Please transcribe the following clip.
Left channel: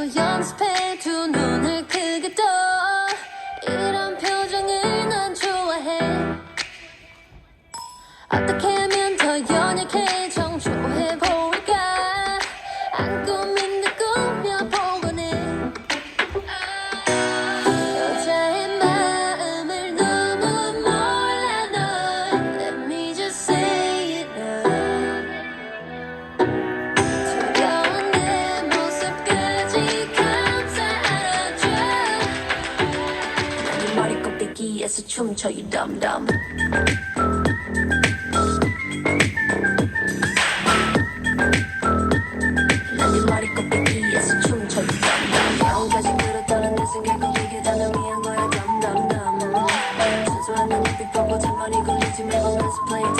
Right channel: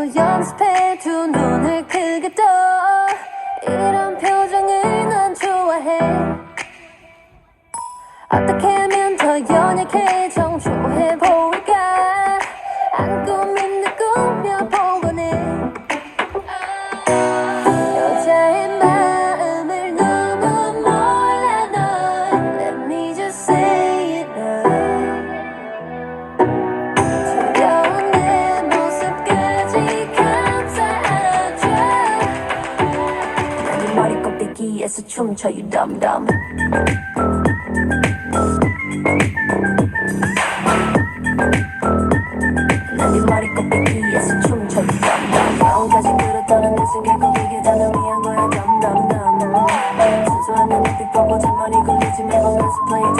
또 연습해 두 눈을 크게 떠 이런 표정을 난 좋아해 어떻게 하면 더 연약해 정초해 보일까 안 꾸민 듯 꾸며보곤 해 여자의 마음을 너무 몰라 널 Let me just say it 지겨운 내 모습까지 감싸 안아줘 난 네 머리 꼭대기에서 춤춰 you dumb dumb 난 네 머리 꼭대기에서 춤춰 you dumb dumb 마음까지 그렸다는 내 생각은 이게 다 널 위한 거야 dumb dumb dumb 순수한 내 눈빛 보고 잔머리 굴리지 말고 let's play